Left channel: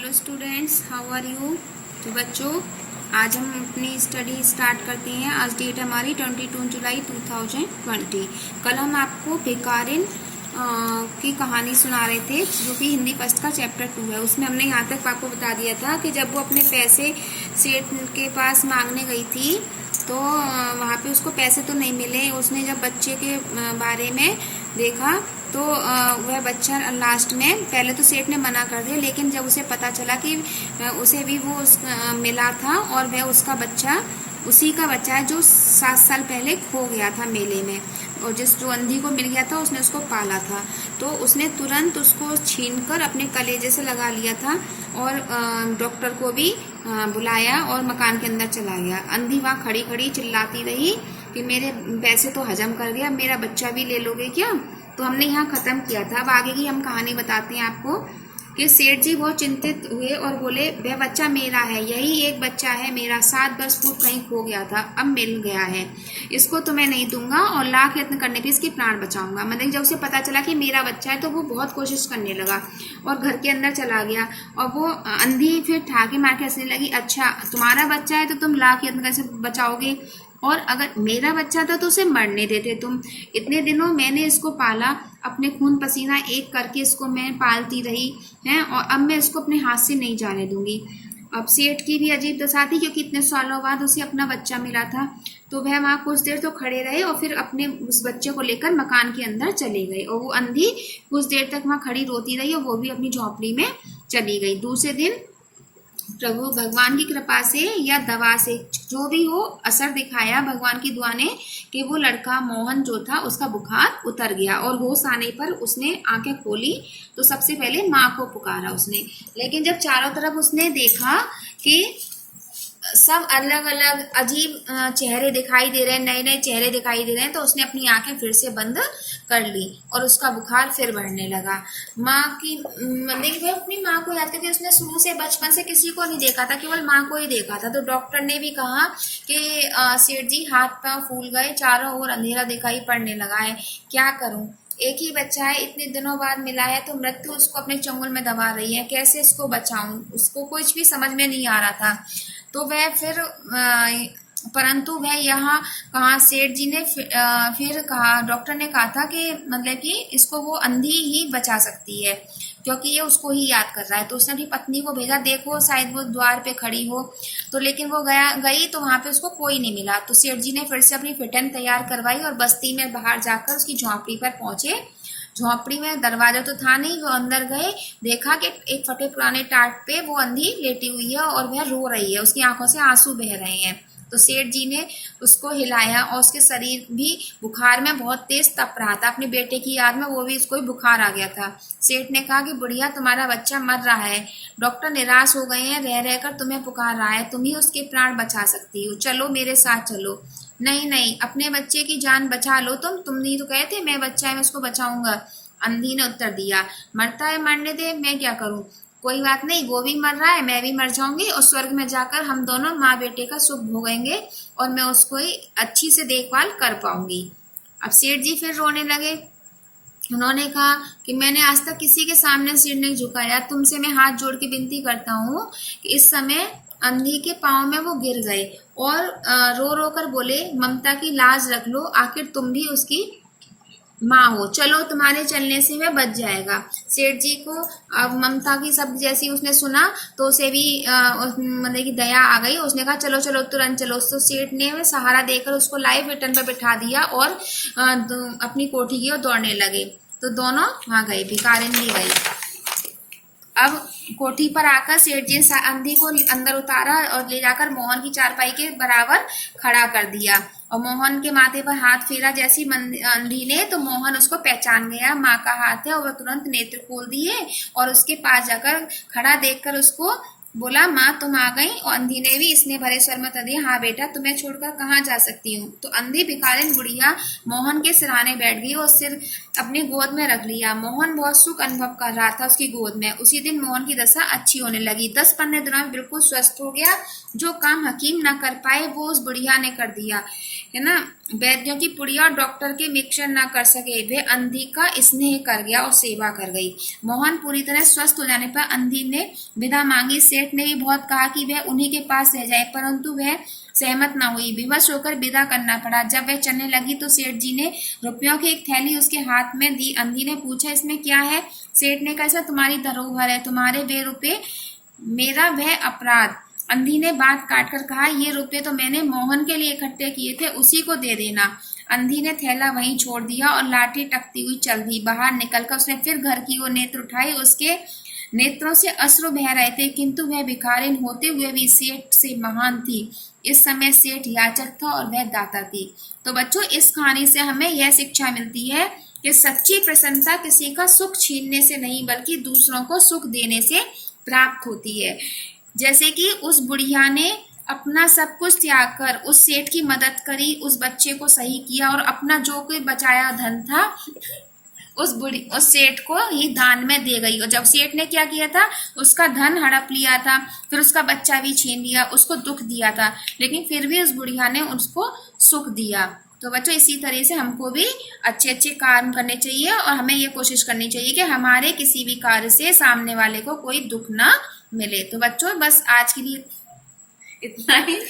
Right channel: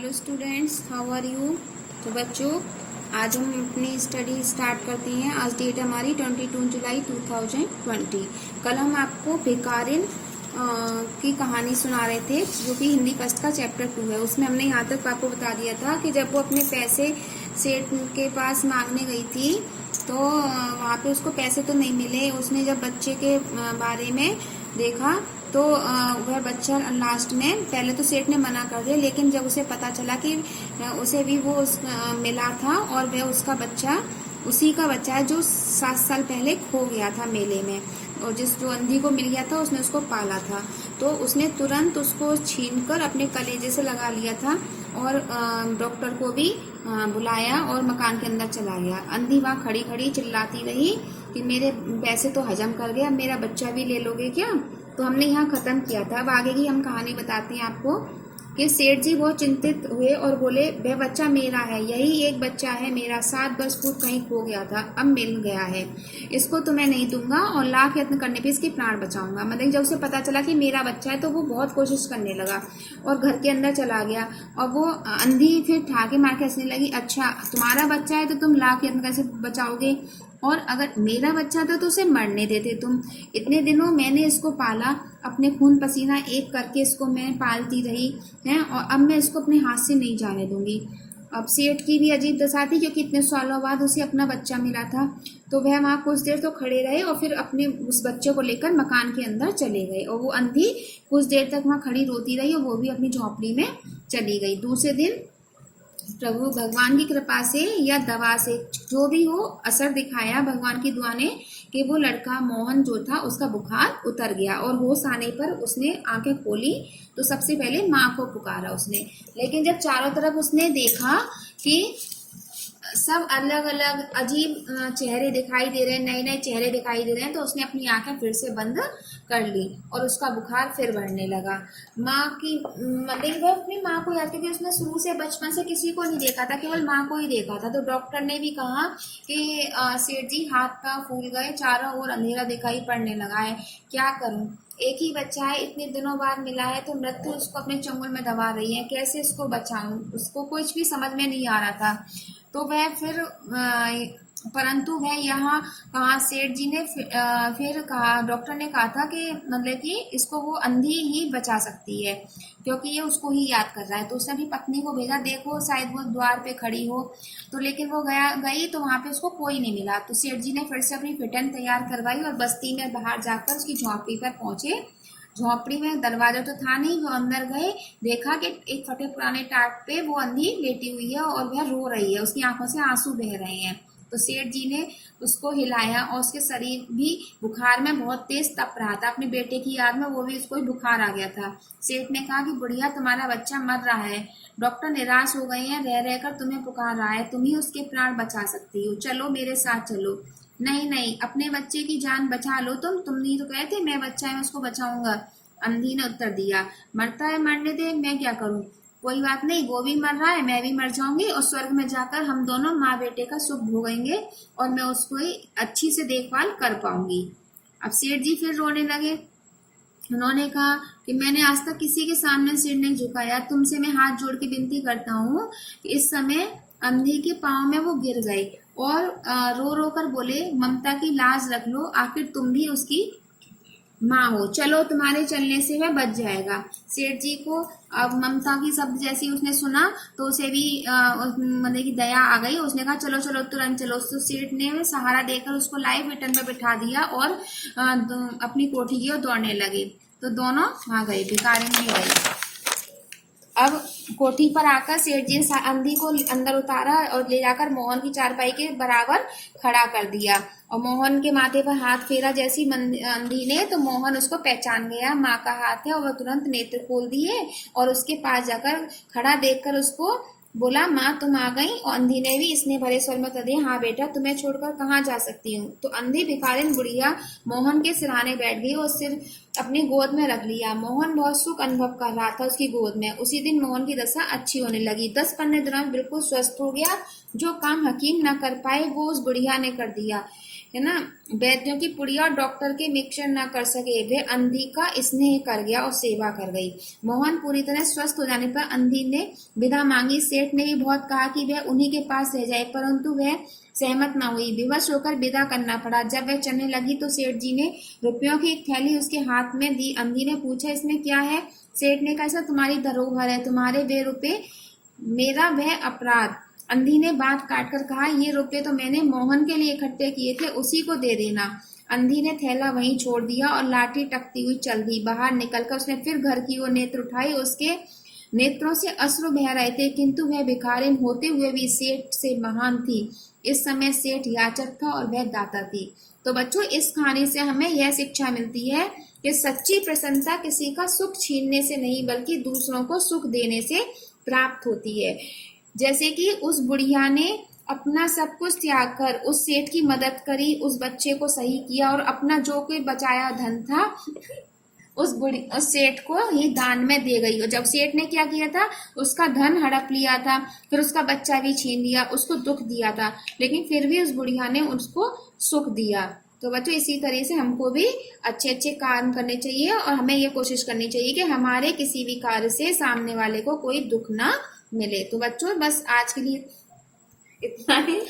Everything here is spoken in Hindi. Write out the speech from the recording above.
Hello students, how are you. तो बच्चों, आज हम अपनी स्टडी स्टार्ट करते हैं। आज डेट हमारी 22 जुलाई 2020। कल हम आपको भिखारिन की कहानी सुना रहे थे, जो कि हिंदी फर्स्ट का चैप्टर 2 है। उसमें हमने यहाँ तक आपको बता दिया था कि जब वो अपने पैसे सेठ के पास मांगने गई थी तो वहाँ पे उसको पैसे तो नहीं मिले। उसने जब बच्चे के बारे में देखा तो वह बच्चा लास्ट में, पहले तो सेठ ने मना कर दिया, लेकिन जब उसे पता चला कि उसे भी वो मिला था और वह उसका बच्चा उसी का बच्चा है जो 7 साल पहले खो गया था मेले में, और जो अंधी को मिल गया था उसने उसको पाला था। तो उसने तुरंत उसको छीनकर अपने कलेजे से लगा लिया था और डॉक्टर को भी बुलाया और मकान के अंदर चला गया। अंधी वहाँ खड़ी खड़ी चिल्लाती रही कि मेरे पैसे तो हजम कर गया, मेरा बच्चा भी ले लोगे क्या। तो हमने यहाँ खत्म किया था। अब आगे की हम कहानी बताते हैं आपको कि सेठ जी बहुत चिंतित हुए और बोले, वह बच्चा मेरा है, यही एक बच्चा है मेरा, 7-10 फुट कहीं खो गया था, अब मिल गया है, इसको तो मैं नहीं दूंगा और लाख यत्न करने पे इसकी प्राण बचाऊंगा। मतलब जब उसे पता चला कि मेरा बच्चा है तो वो बहुत कोशिश करने लगा और घर के अंदर चला गया। और वो अंधी फिर ठाके मार के हंसने लगी, अच्छा तुम्हारा बच्चा है तो तुम लाख यत्न कैसे बचाओगे, और अगर मेरा बच्चा था तो उसे मरने देते तुम। इतने दिनों मैंने इसको पाला, अपने खून पसीना एक करके इसको मैं पालती रही हैं, और अब मैं इसको अपने हाथ से नहीं जाने दूंगी। अब सेठ की भी अजीब दशा थी, क्योंकि इतने सालों बाद उसे अपना बच्चा मिला था। तो वह वहाँ कुछ देर तो खड़े रहे और फिर अपने उस बच्चे को लेकर मकान के अंदर चले गए, और वो अंधी कुछ देर तक वहाँ खड़ी रोती रही और वो भी अपनी झोंपड़ी में चली गई। दूसरे दिन प्रभु भगवान की कृपा से या दवा से, जो भी हो, असर दिखाया भगवान की दुआ ने कि वो लड़का मोहन जो था उसका बुखार उतर गया और होश आने पर उसने आंखें खोली तो सबसे पहले माँ को पुकारा उसने। लेकिन जब चारों तरफ उसने देखा कि सब अलग अलग अजीब चेहरे दिखाई दे रहे हैं, नए नए चेहरे दिखाई दे रहे हैं, तो उसने अपनी आंखें फिर से बंद कर ली और उसका बुखार फिर बढ़ने लगा। माँ की मतलब वह अपनी माँ को याद करती, उसने शुरू से बचपन से किसी को नहीं देखा था, केवल माँ को ही देखा था। तो डॉक्टर ने भी कहा कि सेठ जी हाथ पाँव फूल गए, चारों ओर अंधेरा दिखाई पड़ने लगा है, क्या करूँ, एक ही बच्चा है, इतने दिनों बाद मिला है, तो मृत्यु उसको अपने चंगुल में दबा रही है, कैसे इसको बचाऊं। उसको कुछ भी समझ में नहीं आ रहा था। तो वह फिर परंतु वह यहाँ कहा, सेठ जी ने फिर कहा, डॉक्टर ने कहा था कि मतलब कि इसको वो अंधी ही बचा सकती है, क्योंकि ये उसको ही याद कर रहा है। तो उसने अपनी पत्नी को भेजा, देखो शायद वो द्वार पे खड़ी हो। तो लेकिन वो गई तो वहां पे उसको कोई नहीं मिला। तो सेठ जी ने फिर से अपनी फिटन तैयार करवाई और बस्ती में बाहर जाकर उसकी झोंपड़ी पर पहुंचे। झोंपड़ी में दरवाजा तो था नहीं, वो अंदर गए, देखा कि एक फटे पुराने टाट पे वो अंधी लेटी हुई है और वह रो रही है, उसकी आंखों से आंसू बह रहे हैं। तो सेठ जी ने उसको हिलाया और उसके शरीर भी बुखार में बहुत तेज तप रहा था, अपने बेटे की याद में वो भी इसको ही बुखार आ गया था। सेठ ने कहा कि बुढ़िया तुम्हारा बच्चा मर रहा है, डॉक्टर निराश हो गए हैं, रह रहकर तुम्हें पुकार रहा है, तुम ही उसके प्राण बचा सकती हो, चलो मेरे साथ चलो। नहीं नहीं, अपने बच्चे की जान बचा लो, तुम नहीं तो कहते मैं बच्चा है मैं उसको बचाऊंगा। अंधी ने उत्तर दिया, मरता है मरने दे, मैं क्या करूं, कोई बात नहीं, वो भी मर रहा है, मैं भी मर जाऊंगी और स्वर्ग में जाकर हम दोनों माँ बेटे का सुख भोगेंगे और मैं उसको ही अच्छी से देखभाल कर पाऊंगी। अब सेठ जी फिर रोने लगे। उन्होंने कहा कि मैंने आज तक किसी के सामने सिर नहीं झुकाया, तुमसे मैं हाथ जोड़ के विनती करता हूँ कि इस समय अंधी के पाँव में वो गिर गए और रो रो कर बोले, ममता की लाज रख लो, आखिर तुम भी उसकी माँ हो, चलो तुम्हारे चलने से वह बच जाएगा। सेठ जी को अब ममता की शब्द जैसी उसने सुना तो उसे भी मतलब की दया आ गई। उसने कहा चलो चलो तुरंत चलो। तो सेठ ने वह सहारा देकर उसको लाइव रिटर्न पर बिठा दिया और अपनी कोठी की ओर दौड़ने लगे। तो दोनों वहां गए, भिखारिन नहीं गई। अब कोठी पर आकर सेठ जी ने अंधी को अंदर उतारा और ले जाकर मोहन की चारपाई के बराबर खड़ा कर दिया और मोहन के माथे पर हाथ फेरा। जैसी अंधी ने, तो मोहन उसको पहचान गया, माँ का हाथ है, और वह तुरंत नेत्र खोल दिए और उसके पास जाकर खड़ा देखकर उसको बोला, माँ तुम आ गई। और अंधी ने भी इसने भरे स्वर में उत्तर दिया, हाँ बेटा, तुम्हें छोड़कर कहाँ जा सकती हूँ। तो अंधी भिखारिन बुढ़िया मोहन के सिरहाने बैठ गई और सिर अपनी गोद में रख लिया। मोहन बहुत सुख अनुभव कर रहा था उसकी गोद में। उसी दिन मोहन की दशा अच्छी होने लगी, 10-15 दिनों में बिल्कुल स्वस्थ हो गया। जो काम हकीम न कर पाए वो उस बुढ़िया ने कर दिया। है ना, वैद्यों की पुड़िया और डॉक्टर के मिक्सचर ना कर सके, वह अंधी का स्नेह कर गया और सेवा कर गई। मोहन पूरी तरह स्वस्थ हो जाने पर अंधी ने विदा मांगी। सेठ ने भी बहुत कहा कि वह उन्हीं के पास रह जाए, परंतु वह सहमत ना हुई। विवश होकर विदा करना पड़ा। जब वह चलने लगी तो सेठ जी ने रुपयों की एक थैली उसके हाथ में दी। अंधी ने पूछा, इसमें क्या है? सेठ ने कहा, तुम्हारी धरोहर है, तुम्हारे वे रुपये मेरा वह अपराध। अंधी ने बात काट कर कहा, ये रुपये तो मैंने मोहन के लिए इकट्ठे किए थे, उसी को दे देना। अंधी ने थैला वहीं छोड़ दिया और लाठी टकती हुई चल दी। बाहर निकलकर उसने फिर घर की ओर नेत्र उठाई। उसके नेत्रों से अश्रु बह रहे थे, किंतु वह भिखारिन होते हुए भी सेठ से महान थी। इस समय सेठ याचक था और वह दाता थी। तो बच्चों, इस कहानी से हमें यह शिक्षा मिलती है कि सच्ची प्रशंसा किसी का सुख छीनने से नहीं, बल्कि दूसरों को सुख देने से प्राप्त होती है। जैसे कि उस बुढ़िया ने अपना सब कुछ त्याग कर उस सेठ की मदद करी, उस बच्चे को सही किया और अपना जो कोई बचाया धन था उस सेठ को ही दान में दे गई। और जब सेठ ने क्या किया था, उसका धन हड़प लिया था, फिर उसका बच्चा भी छीन लिया, उसको दुख दिया था, लेकिन फिर भी उस बुढ़िया ने उसको सुख दिया। तो बच्चों, इसी तरह से हमको भी अच्छे अच्छे काम करने चाहिए और हमें ये कोशिश करनी चाहिए कि हमारे किसी भी कार्य से सामने वाले को कोई दुख ना मिले। तो बच्चों, बस आज के लिए इतना ही।